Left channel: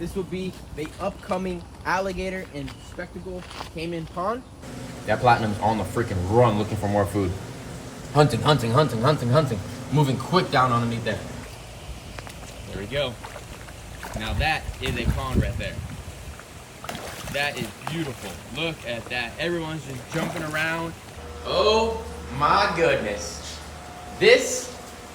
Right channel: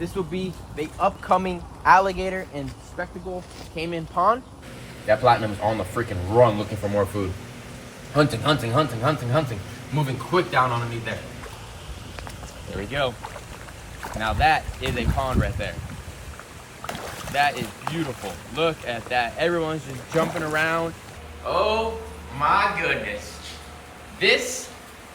This will be the upcoming alligator and spectacle caiman pond. That platinum's on the freaking run looking for more food. Hunting, hunting, hunting, hunting, hunting. Moving quick down underneath there. There we go. Now that is a pond right there. That is beautiful. Look at that. Everyone's just jumping around. Oh my goodness. This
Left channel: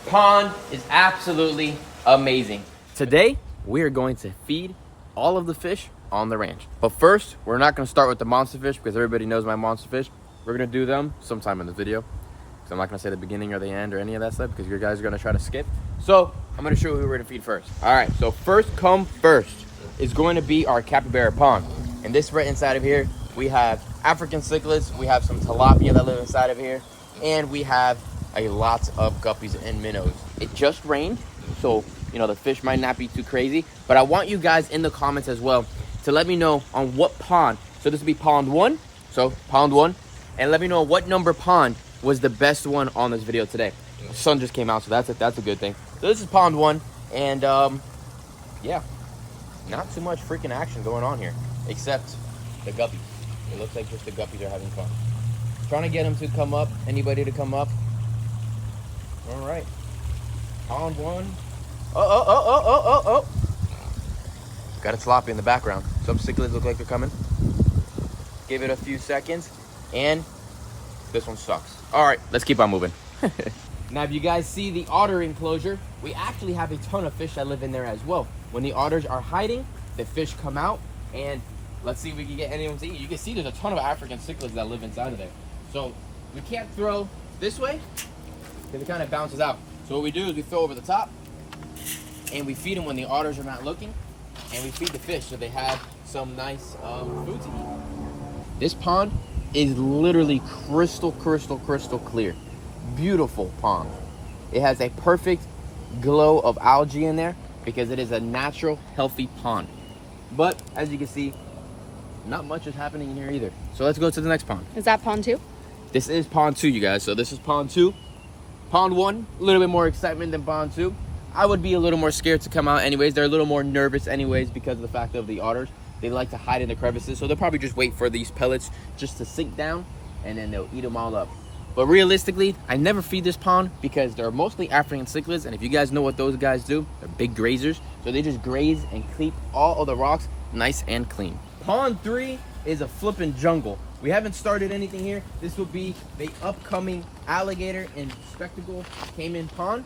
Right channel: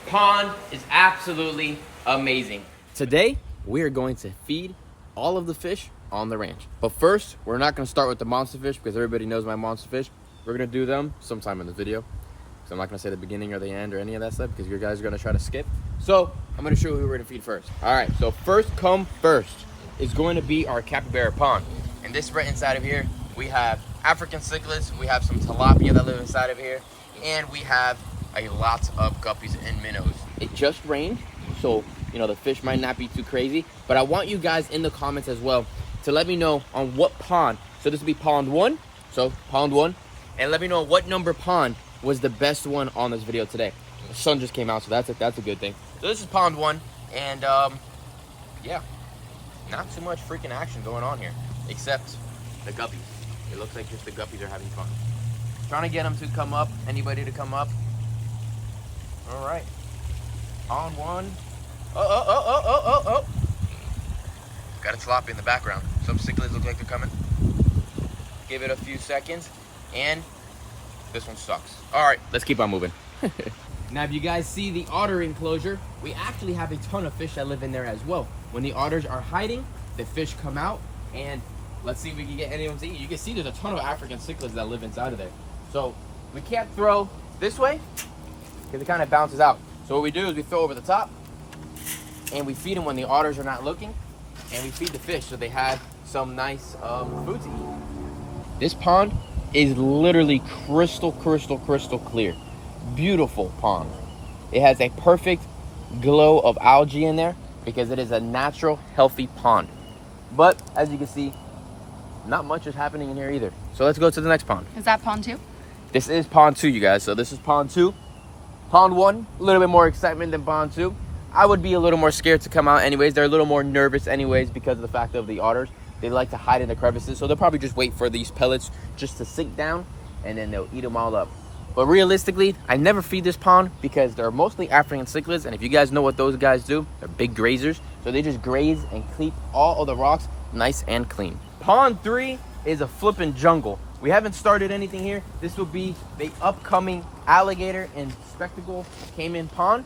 pond is absolutely amazing. Today, we are going to feed all of the fish on the ranch. But first, we're not gonna start with the monster fish because everybody knows my monster fish. We're gonna do them sometime in the video. Because I'm not gonna say the beginning or the end or any of that stuff because you guys are gonna try to skip. So I'm gonna show you who we're gonna feed first. All right, so first come first is going to be our capybara pond. And this right inside of here, we have African cichlids, we have some tilapia that live inside of here, and we have a lot of guppies and minnows. It just rained, so you know the fish might not be too crazy, but I want you guys in the comments as well to let me know on what pond. So this will be pond 1, so pond 1, and let me know what number pond was the best one on this video today. The sun just came out, so that's a good thing. So this is pond 1, and yeah, not too much freaking action going on here, except the guppies. It looks like just the guppies are having fun. Trying to get them to come up, anybody to come up. All right, pond 1. Oh. Got it sloppy in the background. Some cichlids look like they're coming. Give it a few seconds, and this one sucks. All right, let's keep on moving. Now, if you guys see the otter enclosure, we actually have a ton of fish that live in there as well. When the otters are hiding, the fish come out, and let's see if we can get anyone to eat. You can see there's a ton of African cichlids that live inside of there. So we can't throw this way because it kind of bounces out. So what we do is we throw over the top, and we feed them when the otters are not looking, and we feed the fish so they have some nice food to eat. This pond is literally crystal clear. Beautiful pond. It has a perfect glow of algae in there because it is a natural, healthy pond. But as you can see, not much is happening in here either. So let's go to the next pond. Is that pond 2? This is pond 2, you guys. So this is pond 2. Pond 1, a little bit more excitement than pond 2. I would be a little more scared to come out anyways. They're a little more nervous anyways because of the fact of the otters. They like to hide in the crevices, so they'll probably just wait for these pellets just to sink down, and then they'll eat them all up. But realistically, I never feed this pond because they're mostly African cichlids, and if you guys know what those guys do, they're big grazers, so they just graze and keep all of the rocks nice and clean. Pond 3 is a flipping jungle. We haven't started anything here. This will be the upcoming alligator and spectacle caiman pond.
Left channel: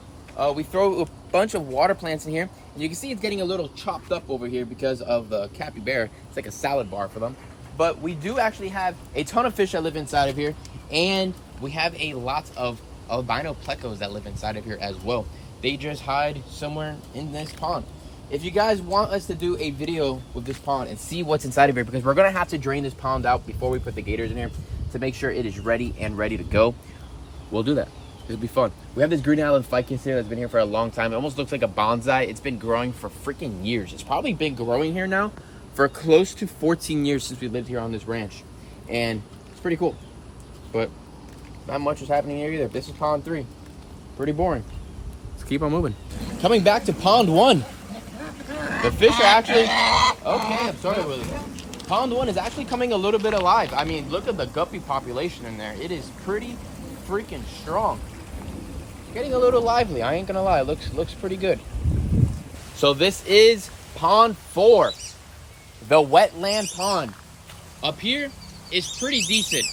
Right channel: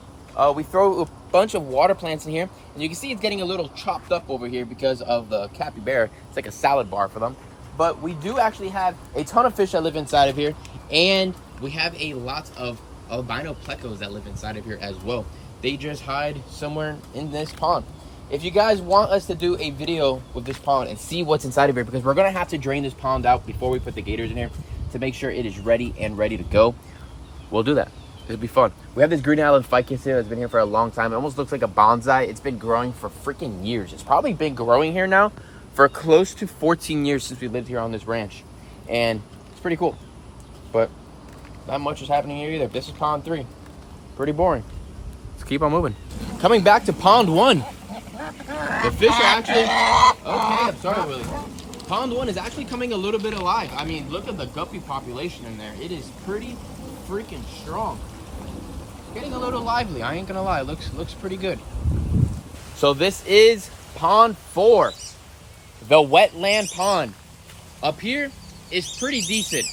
We throw a bunch of water plants in here, and you can see it's getting a little chopped up over here because of the capybara. It's like a salad bar for them. But we do actually have a ton of fish that live inside of here, and we have a lot of albino plecos that live inside of here as well. They just hide somewhere in this pond. If you guys want us to do a video with this pond and see what's inside of here, because we're gonna have to drain this pond out before we put the gators in here to make sure it is ready to go, we'll do that. It'll be fun. We have this Green Island ficus here that's been here for a long time. It almost looks like a bonsai. It's been growing for freaking years. It's probably been growing here now for close to 14 years since we lived here on this ranch. And it's pretty cool. But not much is happening here either. This is pond 3. Pretty boring. Let's keep on moving. Coming back to pond 1. The fish are actually... Okay, I'm sorry, Willie. Pond 1 is actually coming a little bit alive. I mean, look at the guppy population in there. It is pretty freaking strong. Getting a little lively, I ain't gonna lie. Looks pretty good. So this is pond 4, the wetland pond. Up here is pretty decent.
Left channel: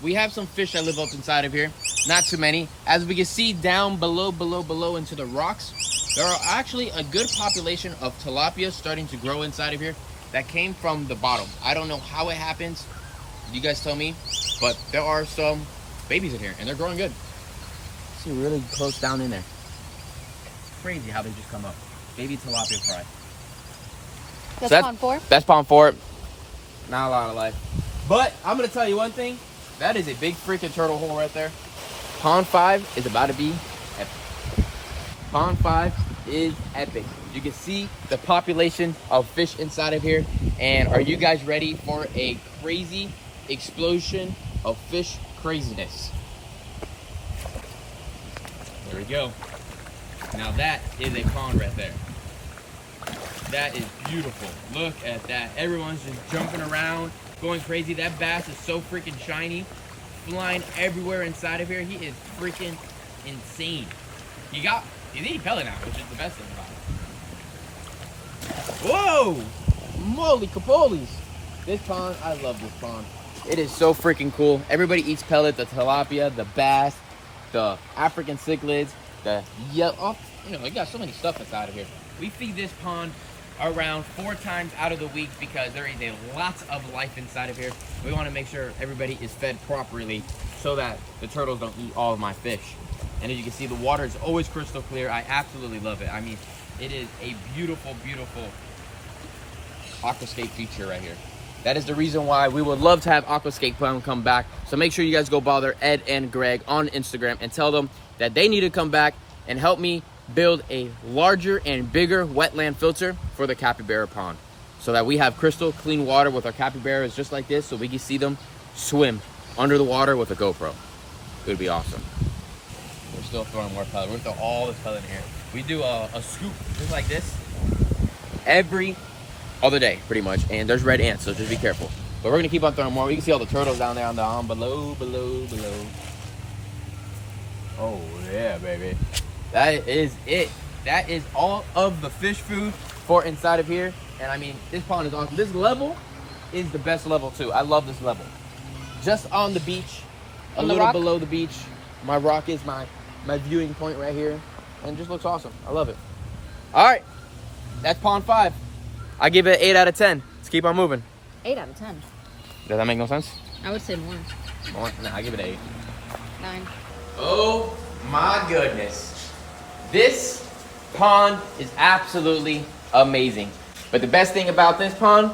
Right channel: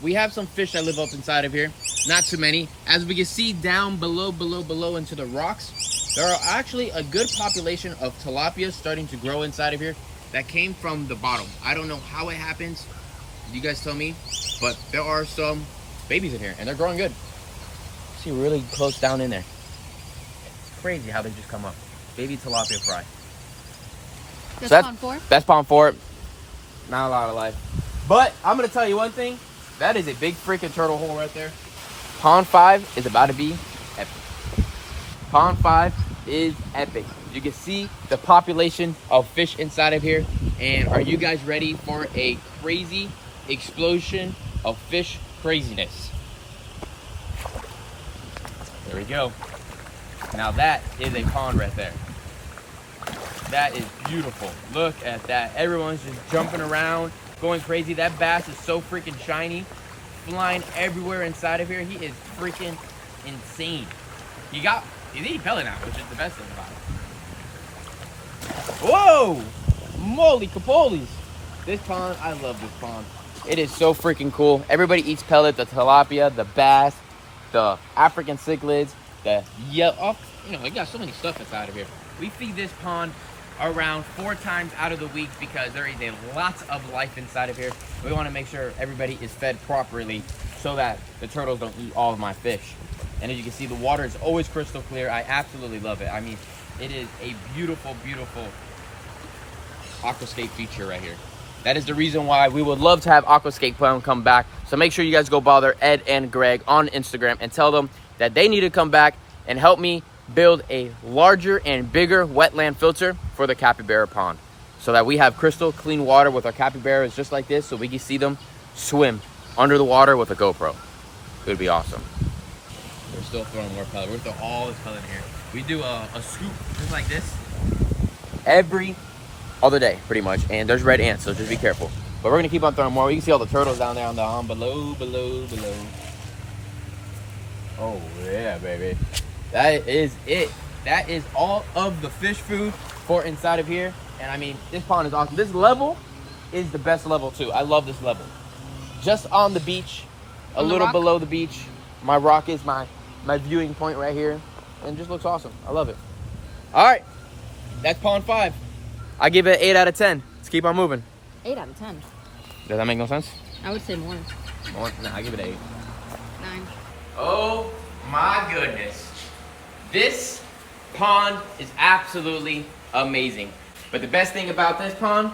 We have some fish that live up inside of here, not too many. As we can see down below into the rocks, there are actually a good population of tilapia starting to grow inside of here that came from the bottom. I don't know how it happens. You guys tell me, but there are some babies in here and they're growing good. See, really close down in there. It's crazy how they just come up. Baby tilapia fry. That's pond 4? That's pond 4. Not a lot of life. But I'm going to tell you one thing. That is a big freaking turtle hole right there. Pond 5 is about to be epic. Pond 5 is epic. You can see the population of fish inside of here. And are you guys ready for a crazy explosion of fish craziness? There we go. Now that is a pond right there. That is beautiful. Look at that. Everyone's just jumping around, going crazy. That bass is so freaking shiny, flying everywhere inside of here. He is freaking insane. He's eating pellet now, which is the best thing about it. Whoa! Moly capoles. This pond, I love this pond. It is so freaking cool. Everybody eats pellet, the tilapia, the bass, the African cichlids, the yellow, you know, we got so many stuff inside of here. We feed this pond around 4 times out of the week because there is a lots of life inside of here. We want to make sure everybody is fed properly so that the turtles don't eat all of my fish. And as you can see, the water is always crystal clear. I absolutely love it. I mean, it is a beautiful, beautiful aquascape feature right here. That is the reason why we would love to have Aquascape come back. So make sure you guys go bother Ed and Greg on Instagram and tell them that they need to come back and help me build a larger and bigger wetland filter for the capybara pond so that we have crystal clean water with our capybaras just like this, so we can see them swim under the water with a GoPro. It would be awesome. We're still throwing more pellet. We're throwing all this pellet in here. We do a scoop just like this every other day, pretty much. And there's red ants, so just be careful. But we're gonna keep on throwing more. You can see all the turtles down there on the below. Oh yeah, baby. That is it. That is all of the fish food for inside of here. And I mean, this pond is awesome. This level is the best level too. I love this level. Just on the beach, a little below the beach. My rock is my viewing point right here. And it just looks awesome. I love it. All right, that's pond 5. I give it an 8 out of 10. Let's keep on moving. 8 out of 10. Does that make no sense? I would say more. More? No, I give it an 8. 9. Oh my goodness. This pond is absolutely amazing. But the best thing about this pond,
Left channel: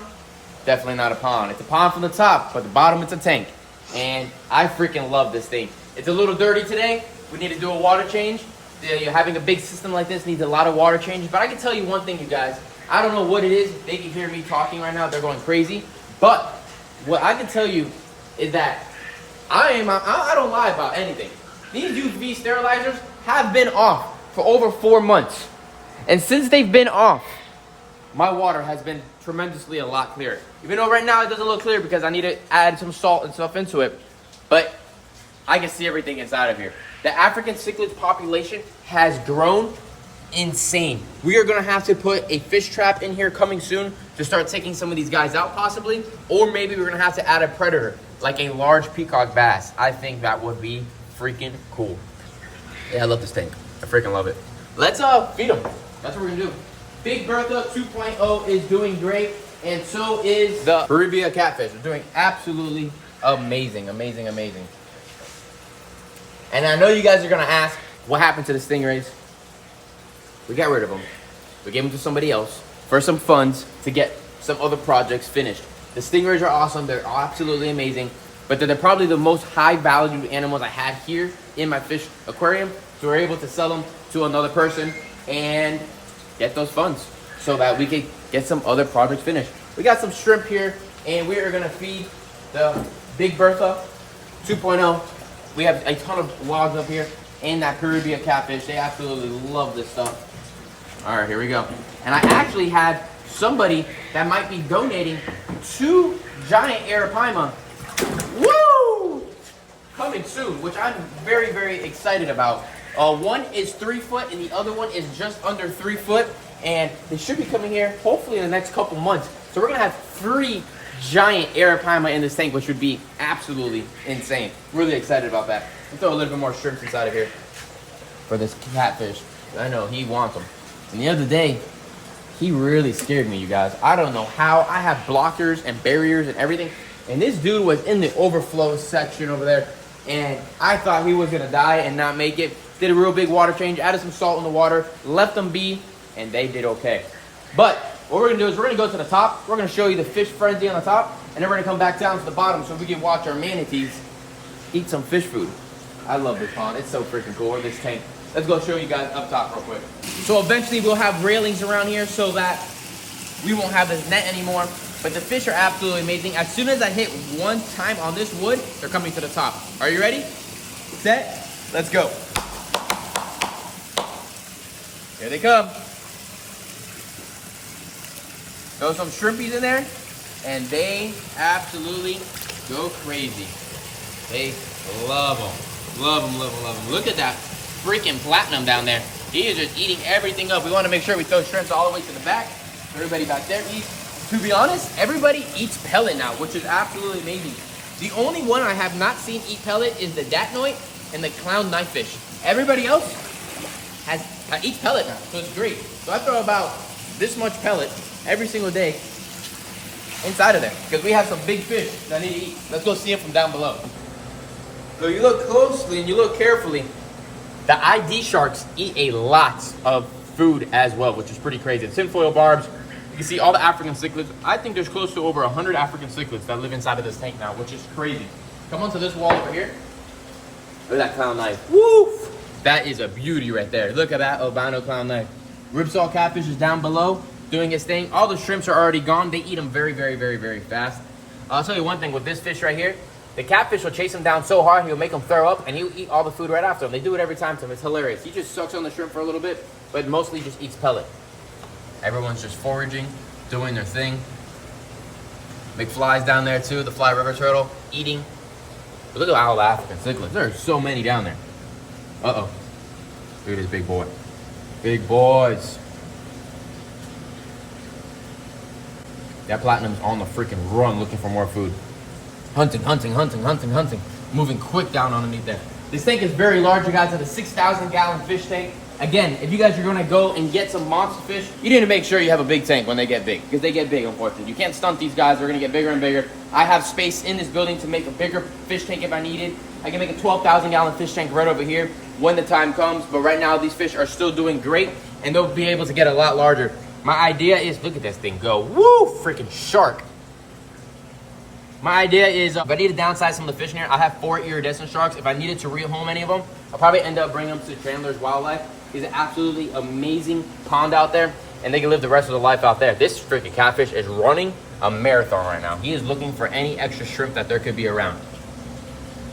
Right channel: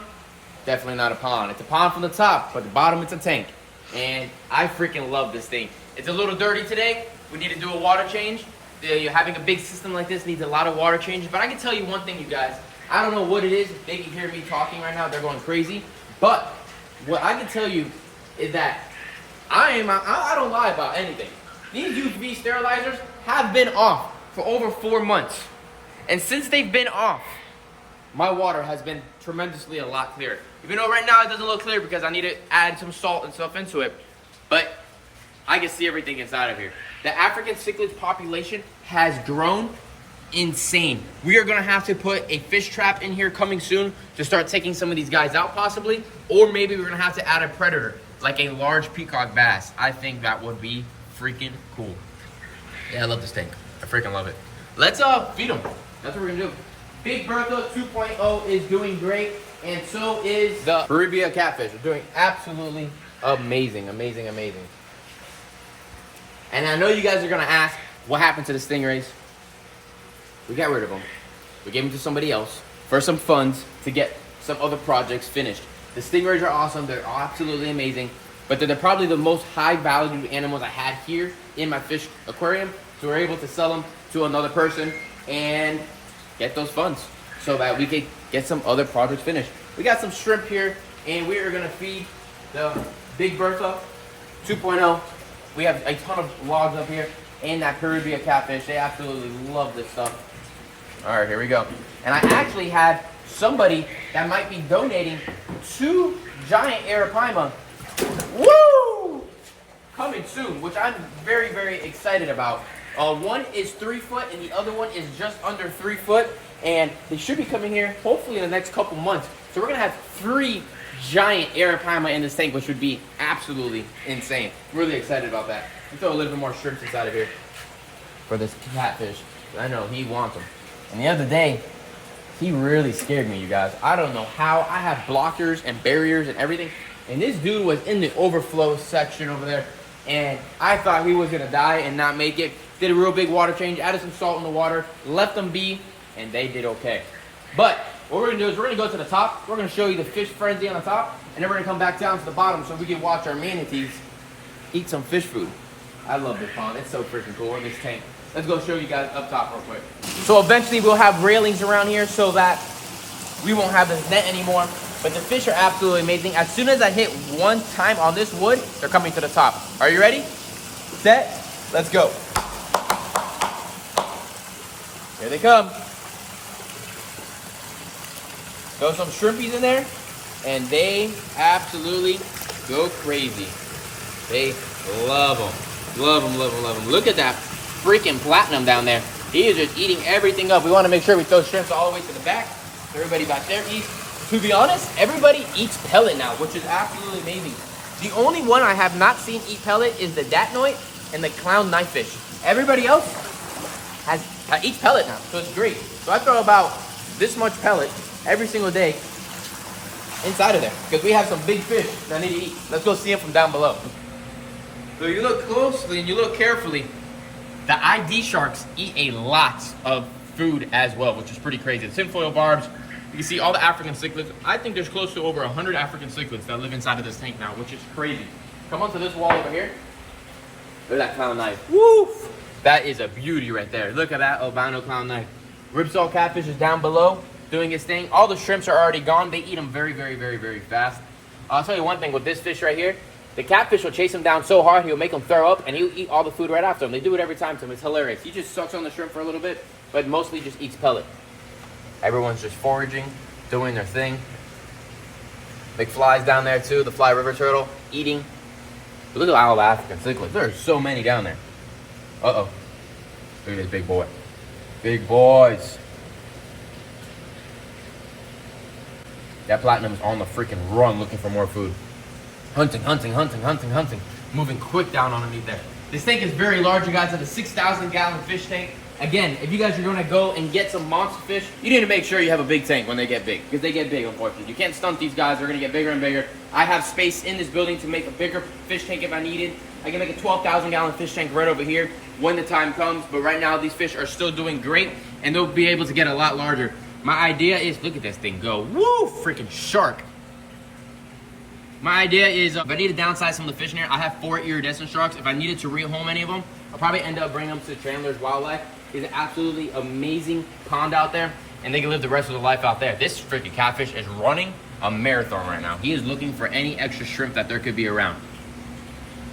definitely not a pond. It's a pond from the top, but the bottom it's a tank. And I freaking love this thing. It's a little dirty today. We need to do a water change. Having a big system like this needs a lot of water changes. But I can tell you one thing, you guys. I don't know what it is. They can hear me talking right now. They're going crazy. But what I can tell you is that I don't lie about anything. These UV sterilizers have been off for over 4 months. And since they've been off, my water has been tremendously a lot clearer. Even though right now it doesn't look clear because I need to add some salt and stuff into it. But I can see everything inside of here. The African cichlid population has grown insane. We are going to have to put a fish trap in here coming soon to start taking some of these guys out possibly. Or maybe we're going to have to add a predator, like a large peacock bass. I think that would be freaking cool. Yeah, I love this tank. I freaking love it. Let's feed them. That's what we're going to do. Big Bertha 2.0 is doing great. And so is the Caribbean catfish. They're doing absolutely amazing, amazing, amazing. And I know you guys are going to ask, what happened to the stingrays? We got rid of them. We gave them to somebody else for some funds to get some other projects finished. The stingrays are awesome. They're absolutely amazing. But they're probably the most high-valued animals I had here in my fish aquarium. So we're able to sell them to another person and get those funds so that we can get some other projects finished. We got some shrimp here, and we are going to feed the Big Bertha 2.0. We have a ton of logs up here and that Caribbean catfish. They absolutely love this stuff. All right, here we go. And I actually had somebody that might be donating 2 giant arapaima. Woo! Coming soon, which I'm very, very excited about. One is 3 foot and the other one is just under 3 foot. And they should be coming here hopefully in the next couple months. So we're gonna have 3 giant arapaima in this tank, which would be absolutely insane. Really excited about that. Let's throw a little bit more shrimps inside of here for this catfish. I know he wants them. And the other day, he really scared me, you guys. I don't know how. I have blockers and barriers and everything. And this dude was in the overflow section over there. And I thought he was gonna die and not make it. Did a real big water change, added some salt in the water, left them be, and they did okay. But what we're gonna do is we're gonna go to the top. We're gonna show you the fish frenzy on the top, and then we're gonna come back down to the bottom so we can watch our manatees eat some fish food. I love this pond. It's so freaking cool. Or this tank. Let's go show you guys up top real quick. So eventually we'll have railings around here so that we won't have this net anymore. But the fish are absolutely amazing. As soon as I hit 1 time on this wood, they're coming to the top. Are you ready? Set. Let's go. Here they come. Throw some shrimpies in there, and they absolutely go crazy. They love them. Love them, love them, love them. Look at that freaking platinum down there. He is just eating everything up. We want to make sure we throw shrimps all the way to the back. Everybody back there eats. To be honest, everybody eats pellet now, which is absolutely amazing. The only one I have not seen eat pellet is the datnoid and the clown knifefish. Everybody else eats pellet now, so it's great. So I throw about this much pellet every single day inside of there because we have some big fish that need to eat. Let's go see them from down below. So you look closely and you look carefully. The ID sharks eat a lot of food as well, which is pretty crazy. The tinfoil barbs. You can see all the African cichlids. I think there's close to over 100 African cichlids that live inside of this tank now, which is crazy. Come onto this wall over here. Look at that clown knife. Woo! That is a beauty right there. Look at that albino clown knife. Ripsaw catfish is down below doing its thing. All the shrimps are already gone. They eat them very, very, very, very fast. I'll tell you one thing with this fish right here. The catfish will chase him down so hard, he'll make him throw up, and he'll eat all the food right after him. They do it every time to him. It's hilarious. He just sucks on the shrimp for a little bit, but mostly just eats pellet. Everyone's just foraging, doing their thing. Big flies down there too. The fly river turtle eating. But look at all the African cichlids. There are so many down there. Uh-oh. Look at this big boy. Big boys. That platinum's on the freaking run looking for more food. Hunting, hunting, hunting, hunting, hunting. Moving quick down underneath there. This tank is very large, you guys. It's a 6,000 gallon fish tank. Again, if you guys are gonna go and get some monster fish, you need to make sure you have a big tank when they get big, because they get big, unfortunately. You can't stunt these guys, they're gonna get bigger and bigger. I have space in this building to make a bigger fish tank if I needed. I can make a 12,000 gallon fish tank right over here when the time comes, but right now these fish are still doing great, and they'll be able to get a lot larger. My idea is, look at this thing go, woo, freaking shark. My idea is, if I need to downsize some of the fish in here, I have 4 iridescent sharks. If I needed to rehome any of them, I'll probably end up bringing them to Chandler's Wildlife. It's an absolutely amazing pond out there, and they can live the rest of their life out there. This freaking catfish is running a marathon right now. He is looking for any extra shrimp that there could be around.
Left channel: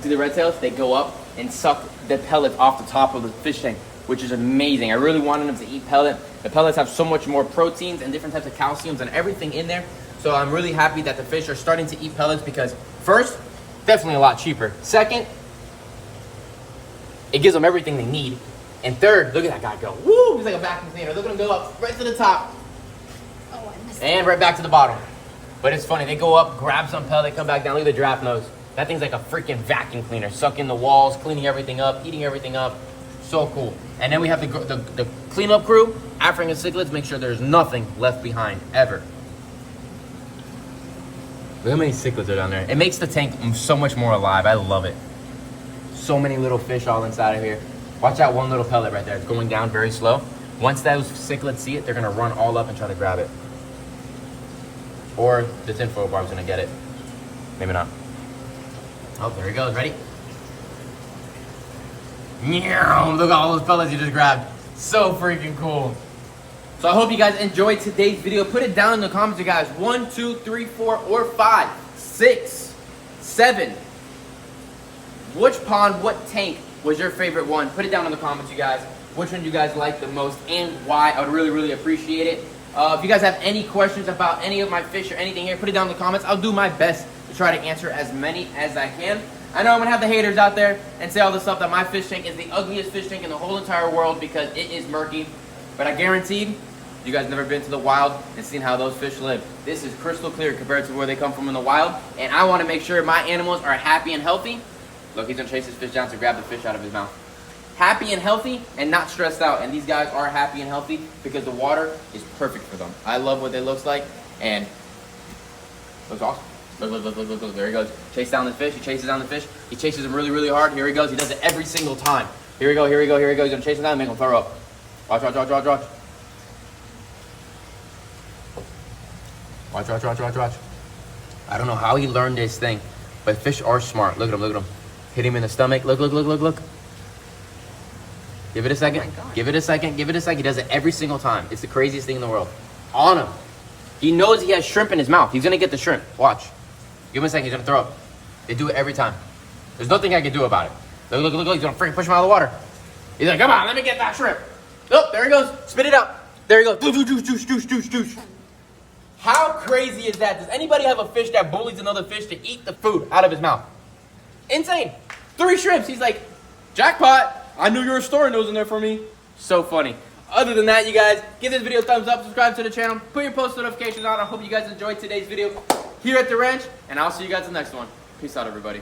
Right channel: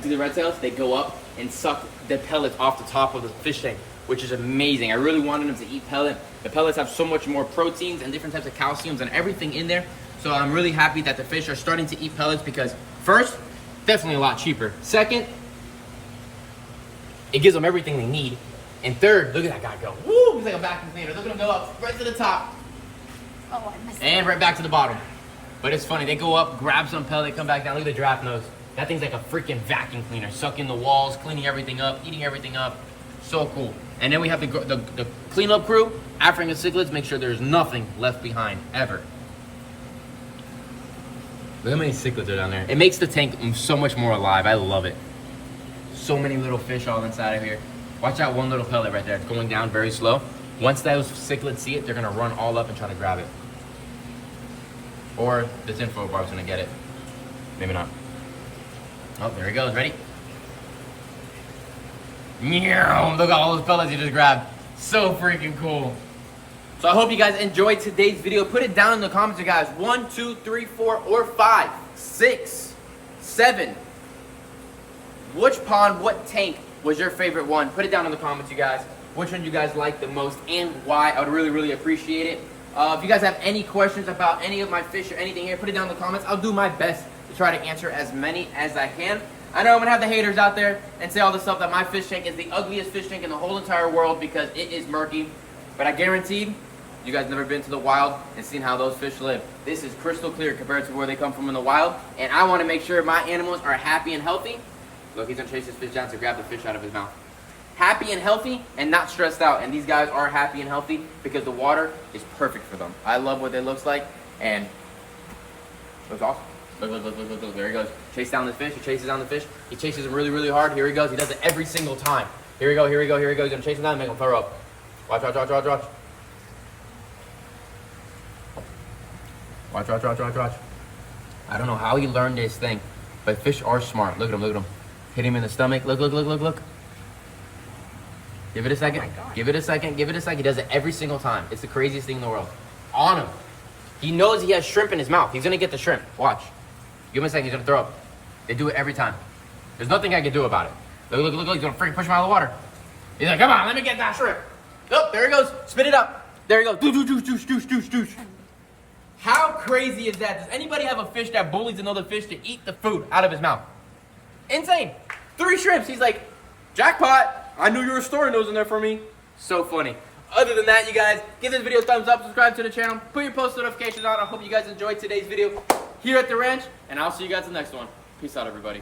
See the red tails? They go up and suck the pellets off the top of the fish tank, which is amazing. I really wanted them to eat pellet. The pellets have so much more proteins and different types of calciums and everything in there. So I'm really happy that the fish are starting to eat pellets because first, definitely a lot cheaper. Second, it gives them everything they need. And third, look at that guy go. Woo, he's like a vacuum cleaner. Look at him go up right to the top. Oh, I missed it. And right back to the bottom. But it's funny, they go up, grab some pellet, come back down. Look at the giraffe nose. That thing's like a freaking vacuum cleaner, sucking the walls, cleaning everything up, eating everything up. So cool. And then we have the cleanup crew, African cichlids, make sure there's nothing left behind, ever. Look how many cichlids are down there. It makes the tank so much more alive. I love it. So many little fish all inside of here. Watch out, one little pellet right there. It's going down very slow. Once those cichlids see it, they're gonna run all up and try to grab it. Or the tinfoil barb's gonna get it. Maybe not. Oh, there he goes, ready? Yeah, look at all those pellets you just grabbed. So freaking cool. So I hope you guys enjoyed today's video. Put it down in the comments, you guys. 1, 2, 3, 4, or 5, 6, 7. Which pond, what tank was your favorite one? Put it down in the comments, you guys. Which one you guys like the most and why? I would really, really appreciate it. If you guys have any questions about any of my fish or anything here, put it down in the comments. I'll do my best to try to answer as many as I can. I know I'm gonna have the haters out there and say all this stuff that my fish tank is the ugliest fish tank in the whole entire world because it is murky. But I guarantee you guys never been to the wild and seen how those fish live. This is crystal clear compared to where they come from in the wild. And I wanna make sure my animals are happy and healthy. Look, he's gonna chase his fish down to grab the fish out of his mouth. Happy and healthy and not stressed out. And these guys are happy and healthy because the water is perfect for them. I love what it looks like and it looks awesome. Look, look, look, look, look, look. There he goes. Chase down the fish. He chases down the fish. He chases him really, really hard. Here he goes. He does it every single time. Here we go, here we go, here we go. He's gonna chase him down and make him throw up. Watch, watch, watch, watch, watch. Watch, watch, watch, watch, watch. I don't know how he learned this thing, but fish are smart. Look at him, look at him. Hit him in the stomach. Look, look, look, look, look. Give it a second. Oh give it a second. Give it a second. He does it every single time. It's the craziest thing in the world. On him. He knows he has shrimp in his mouth. He's gonna get the shrimp. Watch. Give him a second. He's gonna throw up. They do it every time. There's nothing I can do about it. Look, look, look, look. He's gonna freaking push him out of the water. He's like, come on, let me get that shrimp. Oh, there he goes. Spit it up. There he goes. Doosh, doosh, doosh, doosh, doosh, doosh. How crazy is that? Does anybody have a fish that bullies another fish to eat the food out of his mouth? Insane. 3 shrimps. He's like, jackpot. I knew you were storing those in there for me. So funny. Other than that, you guys, give this video a thumbs up, subscribe to the channel, put your post notifications on. I hope you guys enjoyed today's video here at the ranch, and I'll see you guys in the next one. Peace out, everybody.